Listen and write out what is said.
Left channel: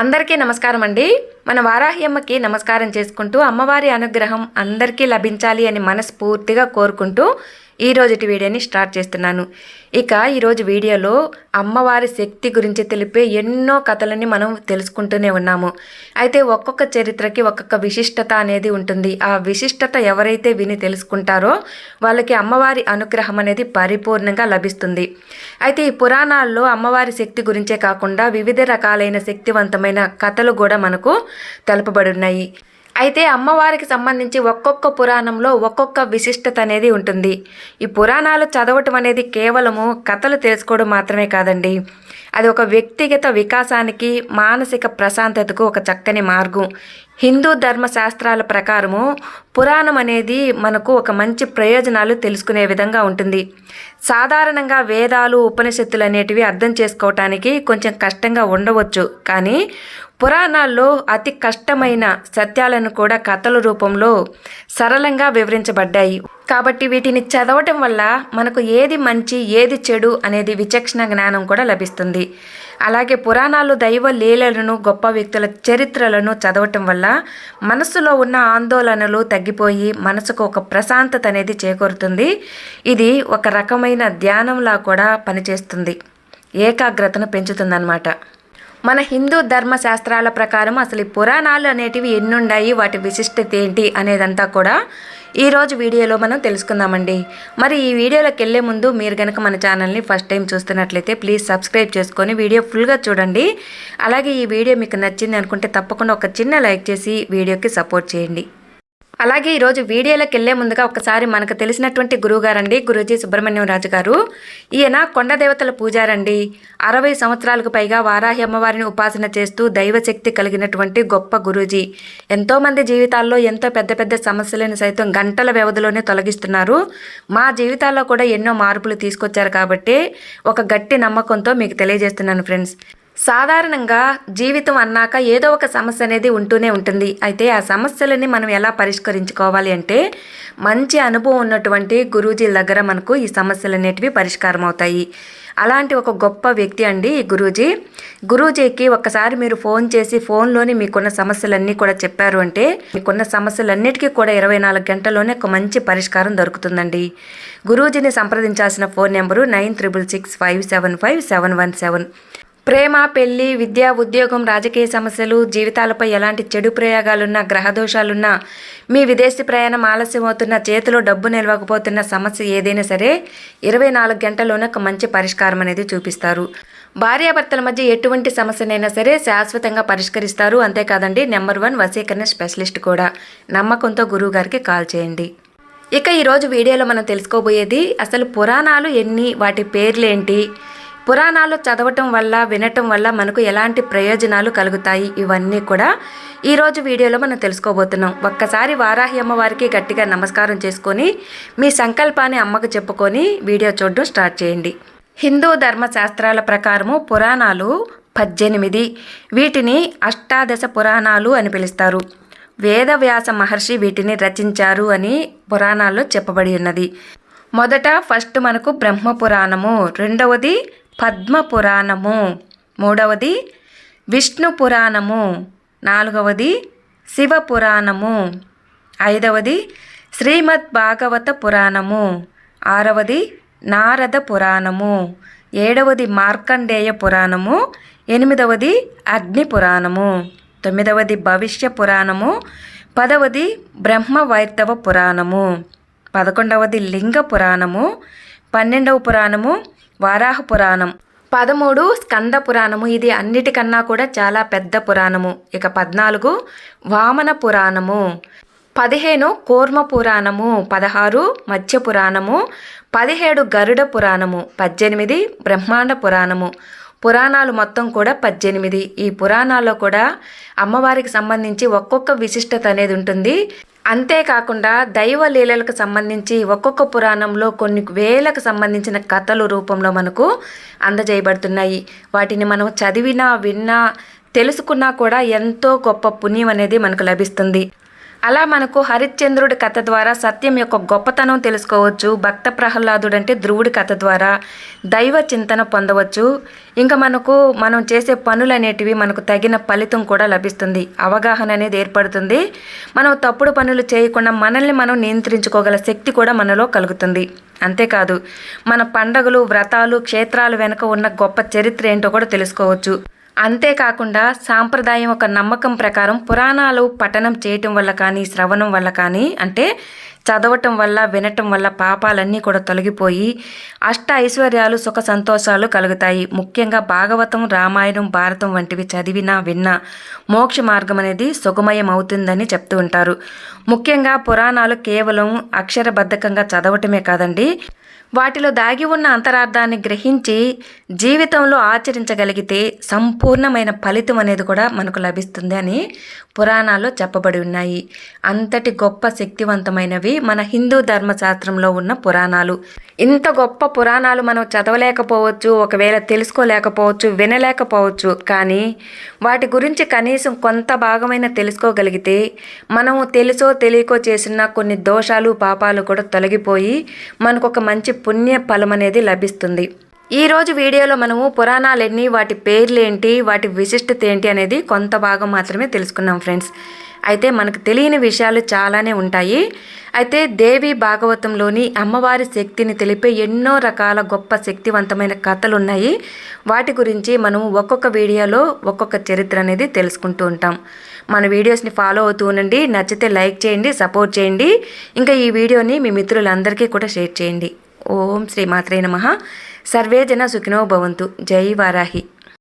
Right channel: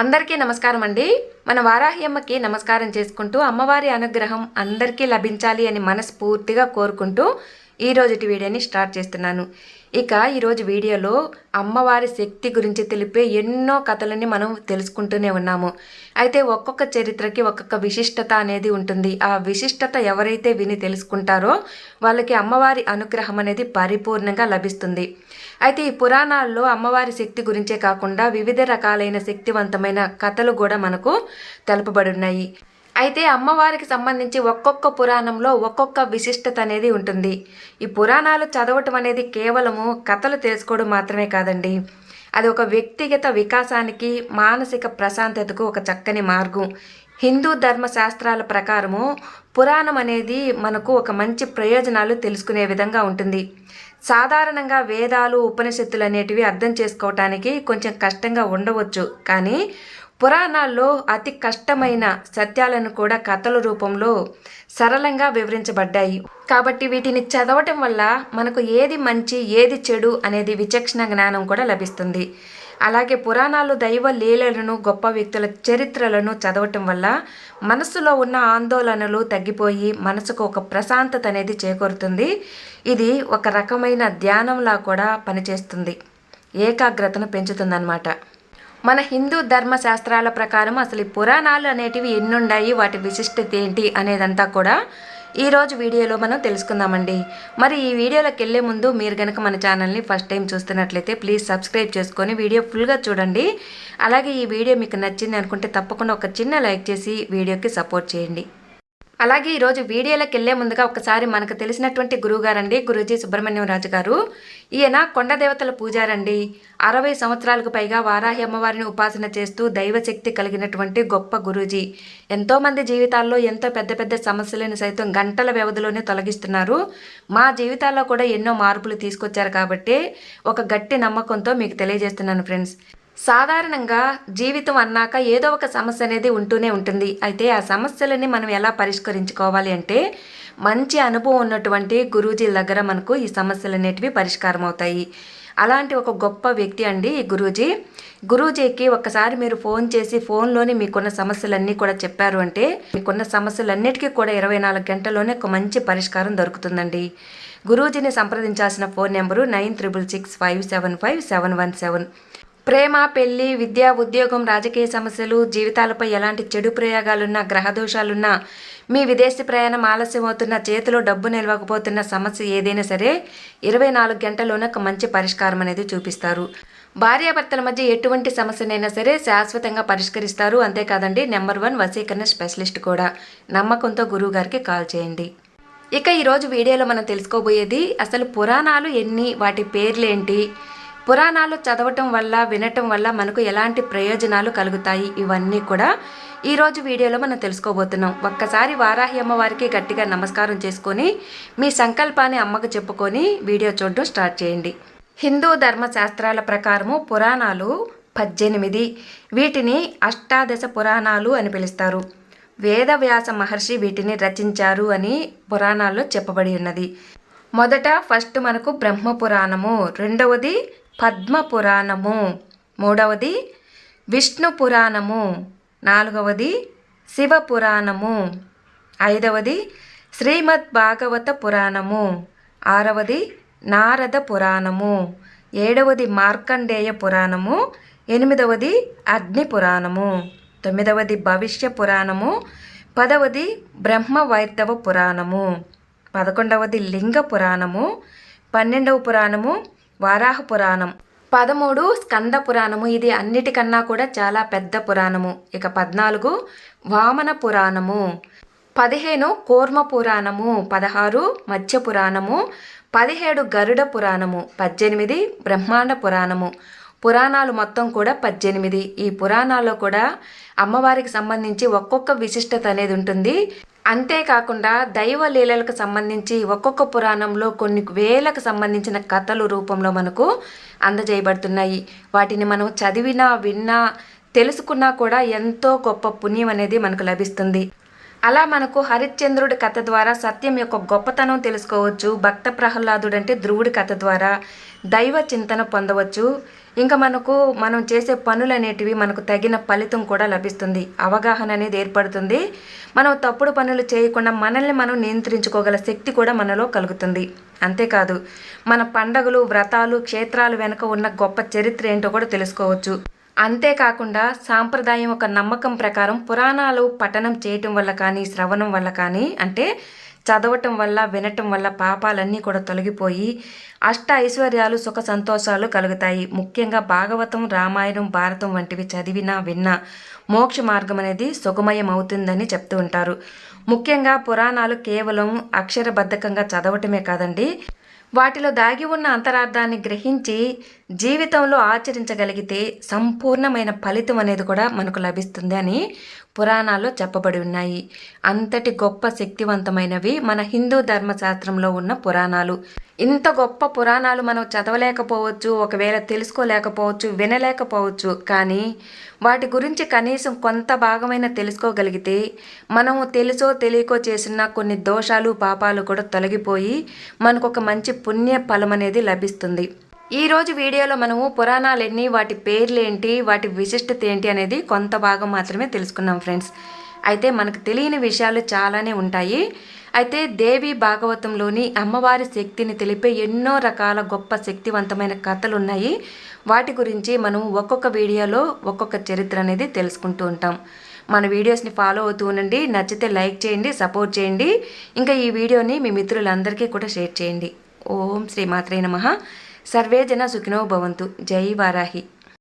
అందరికీ నమస్కారం అండి. మన వారాహి అమ్మకి నమస్కారం చేసుకుంటూ అమ్మవారి అనుగ్రహం అందరికీ లభించాలి అని మనస్ఫూర్తిగా కోరుకుంటూ ఈరోజుటి వీడియోని స్టార్ట్ చేస్తున్నాను. ఇక ఈరోజు వీడియోలో అమ్మవారి శక్తి గురించి తెలిపే ఎన్నో కథలని మనం తెలుసుకుంటూనే ఉన్నాము. అయితే ఒక్కొక్క చరిత్రకి ఒక్కొక్క విశిష్టత అనేది ఉంటుంది. ఆ విశిష్టత ఎవరైతే విని తెలుసుకుంటారో వాళ్ళకి అమ్మవారి అనుగ్రహం అనేది పరిపూర్ణంగా లభిస్తుంది. అయితే ఈ పురాణాల్లో అమ్మవారి శక్తి గురించే కాకుండా వివిధ రకాలైన శక్తివంతమైన కథలు కూడా మనకు తెలుపబడి ఉన్నాయి. అయితే అమ్మవారికి సంబంధించి ఒక్కొక్క పురాణంలో ఒక్కొక్క విశిష్టత అనేది ఉంటుంది. ఈ పురాణాలు చదవటం అనేది కేవలము కథలు తెలుసుకోవడం మాత్రమే కాదండి, అది ఒక వ్యక్తిగత వికాసానికి మానసిక ప్రశాంతతకు ఒక చక్కని మార్గం. హిందూ ధర్మశాస్త్రాల ప్రకారము పురాణం అనేది మనకు ఒక మంచి ప్రయోజనాలు తెలుసుకునే విధంగా ఉంటుంది. సాధారణంగా వేదాలు ఉపనిషత్తులు అనేటివి అర్థం చేసుకోవటానికి కొంచెం కష్టంగా ఉండవచ్చు, కానీ పురాణాల్లో అతి కష్టమైన సత్యాలను కూడా కథల రూపంలో సరళంగా వివరించబడ్డాయి. కాబట్టి వీటిని చదవటం వల్ల మనకు ఏది మంచి ఏది చెడు అనేది విచక్షణ జ్ఞానం కూడా లభిస్తుంది. అలాగే పురాణాలు దైవ లీలలను గొప్ప వ్యక్తుల చరిత్రలను చదవటం వల్ల మనస్సులో ఉన్న ఆందోళనలు తగ్గిపోయి మనసుకు ఒక ప్రశాంతత అనేది చేకూరుతుంది. ఇది ఒక రకమైన ధ్యానంలా కూడా పనిచేస్తుంది, ఏకాగ్రతను పెంచుతుందన్నమాట. మన హిందూ ధర్మశాస్త్రాల ప్రకారం అసలు ఈ పురాణాలు అనేటివి ఎన్నున్నాయి, వాటి విశిష్టత ఏంటి అనేదంతా కూడా ఈరోజు వీడియోలో మనం తెలుసుకుందామండి. మరి ఈ వీడియోలోకి వెళ్ళే ముందు మీరు కనుక మన ఛానల్ని ఫస్ట్ టైం చూస్తున్నట్లయితే ప్లీజ్ సబ్స్క్రైబ్ చేసుకొని వీడియో ఫుల్గా చూడండి. అలాగే ఈ వీడియో మీకు నచ్చింది అనుకుంటే తప్పకుండా ఒక చిన్న లైక్ చేసి వీడియోకి సపోర్ట్ చేయండి. అలాగే ఈరోజు వీడియోలోకి వెళ్ళే ముందుగా ఒకసారి మనకు తెలిసినటువంటి గురువుగారండి, గురూజీ సుబ్రహ్మణ్యం రాజు గారు. ఈయన కొండదేవతల పూజారండి. 60 సంవత్సరాలకు పైగా వారాహి అమ్మవారిని ఉపాసన చేస్తూ దైవశక్తి కలిగినటువంటి గొప్ప గురూజీ. ఎంతోమంది జీవితాల్లో ఎంతో పెద్ద పెద్ద సమస్యలను సైతం గంటల వ్యవధిలోనే తొలగిస్తున్నారు. మా జీవితాల్లో కూడా ఎన్నో మార్పులు తీసుకొచ్చారు కాబట్టి ఒక గట్టి నమ్మకంతో మీకు తెలియజేస్తున్నాను ఫ్రెండ్స్. సాధారణంగా జీవితం అన్నాక ఏదో ఒక సమస్య అనేది ఉంటూనే ఉంటుంది. అయితే ఆ సమస్యలని మనం ఎలా పరిష్కరించుకోవాలి అంటే మంచి అనుభవం ఉన్నటువంటి గురూజీల దగ్గర మనకు ఈ సమస్యలు అనేటివి పరిష్కారం అవుతాయి. అలాంటి ఒక గొప్ప వ్యక్తి అండి ఈ గురూజీ. గురూజీకి ఒక్కసారి మీరు ఫోన్ చేసి ఫోన్లోని మీకున్న సమస్యలన్నీ కూడా చెప్పారు అంటే మీకున్న సమస్యలన్నిటికీ కూడా 24 గంటల్లోనే ఒక మంచి పరిష్కారం దొరుకుతుందండి. గురూజీని సంప్రదించాల్సిన ఫోన్ నెంబరు 9665755717. ప్రేమ, పెళ్లి, విద్య, ఉద్యోగం, రాజకీయ సమస్యలు, జీవితాలపై ఎలాంటి చెడు ప్రయోగాలున్నా, గ్రహదోషాలున్నా, మీ విదేశీ ప్రయాణం ఆలస్యం అవుతున్న, చేతిలో డబ్బు నిలవకపోతున్న సమస్య ఏదైనా సరే 24 గంటల్లోనే ఒక మంచి పరిష్కారం అనేది చూపిస్తారు. భార్యాభర్తల మధ్య ఎటువంటి సమస్యనైనా సరే శాశ్వతంగా పరిష్కరిస్తారు. అంతేకాదండి, నెంబర్ 1 వశీకరణ స్పెషలిస్ట్ కూడా. నమ్మకంతో గురువు గారికి కాల్ చేయండి. ఇక ఈరోజు వీడియోలో మనం తెలుసుకోబోయేది అసలు పురాణాలు ఎన్ని, వాటి పేర్లేంటి, పురాణాలు చదవటం వల్ల వినటం వల్ల మనకు ఎలాంటి ప్రయోజనాలు కలుగుతాయి, ఇవన్నీ కూడా ఈరోజు వీడియోలో మనం తెలుసుకోబోతున్నాం. ఒక్కసారి వారాహి అమ్మవారికి గట్టిగా నమస్కారం చేసుకొని మీ సంకల్పాన్ని అమ్మకు చెప్పుకొని వీడియో చూడడం స్టార్ట్ చేయండి. హిందూ ధర్మశాస్త్రాల ప్రకారము పురాణాలు 18. వీటిని అష్టాదశ పురాణాలు అని పిలుస్తారు. వేదవ్యాస మహర్షి వీటిని రచించారు అని పురాణాల్లో చెప్పబడి ఉన్నది. ఫస్ట్ మనకు బ్రహ్మ పురాణము, రెండవది పద్మ పురాణము, మూడవది విష్ణు పురాణము, నాలుగవది శివ పురాణము, ఐదవది శ్రీమద్ భాగవత పురాణము, ఆరవది నారద పురాణము, ఏడవది మార్కండేయ పురాణము, ఎనిమిదవది అగ్ని పురాణము, తొమ్మిదవది భవిష్య పురాణము, 10వది బ్రహ్మ వైర్తవ పురాణము, 11వది లింగ పురాణము, 12వ పురాణము వారాహ పురాణం, 13 స్కంద పురాణము, ఇది అన్నిటికన్నా కూడా చాలా పెద్ద పురాణము. ఇక 14 వామన పురాణము, 15 కూర్మ పురాణము, 16 మత్స్య పురాణము, 17 గరుడ పురాణము, 18 బ్రహ్మాండ పురాణము. పురాణాలు మొత్తం కూడా 18. ఈ పురాణాల్లో కూడా అమ్మవారికి సంబంధించి ఒక్కొక్క విశిష్టత అనేది ఉంటుంది. అంతేకాకుండా దైవ లీలలకు సంబంధించి ఒక్కొక్క పురాణంలో కొన్ని వేలకు సంబంధించిన కథలు రూపంలో మనకు అందజేయబడుతున్నాయి. వాటిని మనం చదివినా, విన్నా, తెలుసుకున్నా కూడా ఎంతో గొప్ప పుణ్యం అనేది మనకు లభిస్తుంది. అలా మనకు హరిశ్చంద్రుడి కథ ద్వారా సత్యం యొక్క గొప్పతనం తెలుసుకోవచ్చు. భక్త ప్రహ్లాదుడు అంటే ధ్రువుడి కథ ద్వారా దైవ చింతన పొందవచ్చు. ఇంకా మనం చేసే పనులు అనేటివి మనకు తగిన ఫలితం కూడా లభిస్తుంది. అవగాహన అనేది ఏర్పడుతుంది. మనం తప్పుడు పనులు చేయకుండా మనల్ని మనం నియంత్రించుకోగల శక్తి కూడా మనలో కలుగుతుంది. అంతేకాదు మన పండగలు, వ్రతాలు, క్షేత్రాలు వెనుక ఉన్న గొప్ప చరిత్ర ఏంటో కూడా తెలుసుకోవచ్చు. అంతేకాకుండా సాంప్రదాయం ఒక నమ్మకం ప్రకారం పురాణాలు పఠనం చేయటం వల్ల కానీ, శ్రవణం వల్ల కానీ, అంటే చదవటం వల్ల, వినటం వల్ల పాపాలన్నీ కూడా తొలగిపోయి అష్ట ఐశ్వర్యాలు, సుఖ సంతోషాలు కలుగుతాయి. ముఖ్యంగా భాగవతం, రామాయణం, భారతం వంటివి చదివినా విన్నా మోక్ష మార్గం అనేది సుగమయం అవుతుందని చెప్తూ ఉంటారు. ముఖ్యంగా పురాణాలు కేవలం అక్షరబద్ధకంగా చదవటమే కాదండి, వాటిలో దాగి ఉన్న అంతరార్థాన్ని గ్రహించి జీవితంలో ఆచరించగలిగితే సంపూర్ణమైన ఫలితం అనేది కూడా మనకు లభిస్తుంది అని పురాణాల్లో చెప్పబడి ఉన్నాయి. అంతటి గొప్ప శక్తివంతమైనవి మన హిందూ ధర్మశాస్త్రంలో ఉన్న పురాణాలు. ఇంత గొప్ప పురాణాలు మనం చదవలేకపోవచ్చు, ఒకవేళ తెలుసుకోలేకపోవచ్చు, వినలేకపోవచ్చు. కానీ వాటి గురించి కనీసం కొంత భాగమైన తెలుసుకోగలిగితే మనము తెలుసో తెలియకో చేసిన కొన్ని దోషాలు, పాపాలు కూడా తొలగిపోయి మనకు ఒక మంచి పుణ్య ఫలం అనేది లభిస్తుంది. ఈరోజు వీడియోలో మనము పురాణాలు ఎన్ని, వాటి పేర్లు ఏంటి, వాటి విశిష్టత ఏంటి అనేది కొంత భాగం మాత్రమే తెలుసుకున్నాం ఫ్రెండ్స్. అయితే మనకు తెలియని విషయాలు చాలానే ఉంటాయి. అయితే దేవి భాగవతంలోని అమ్మవారి శక్తిని తెలిపే ఎన్నో రకాల గొప్ప శక్తివంతమైన కథలు ఉన్నాయి. వాటి గురించి మనం ఒక్కొక్క వీడియోలో ఒక్కొక్క చరిత్ర అనేది తెలుసుకుంటూ ఉంటాం. మన వీడియోస్ని ఫాలో అవుతూ ఉండండి. నచ్చితే లైక్ చేయండి, సపోర్ట్ చేయండి. ఇంకా ఈ వీడియోని మీ మిత్రులందరికీ కూడా షేర్ చేయండి. ఓం శ్రీ మాత్రే నమః. సర్వే జన సుఖినో భవంతు. జై వారాహి.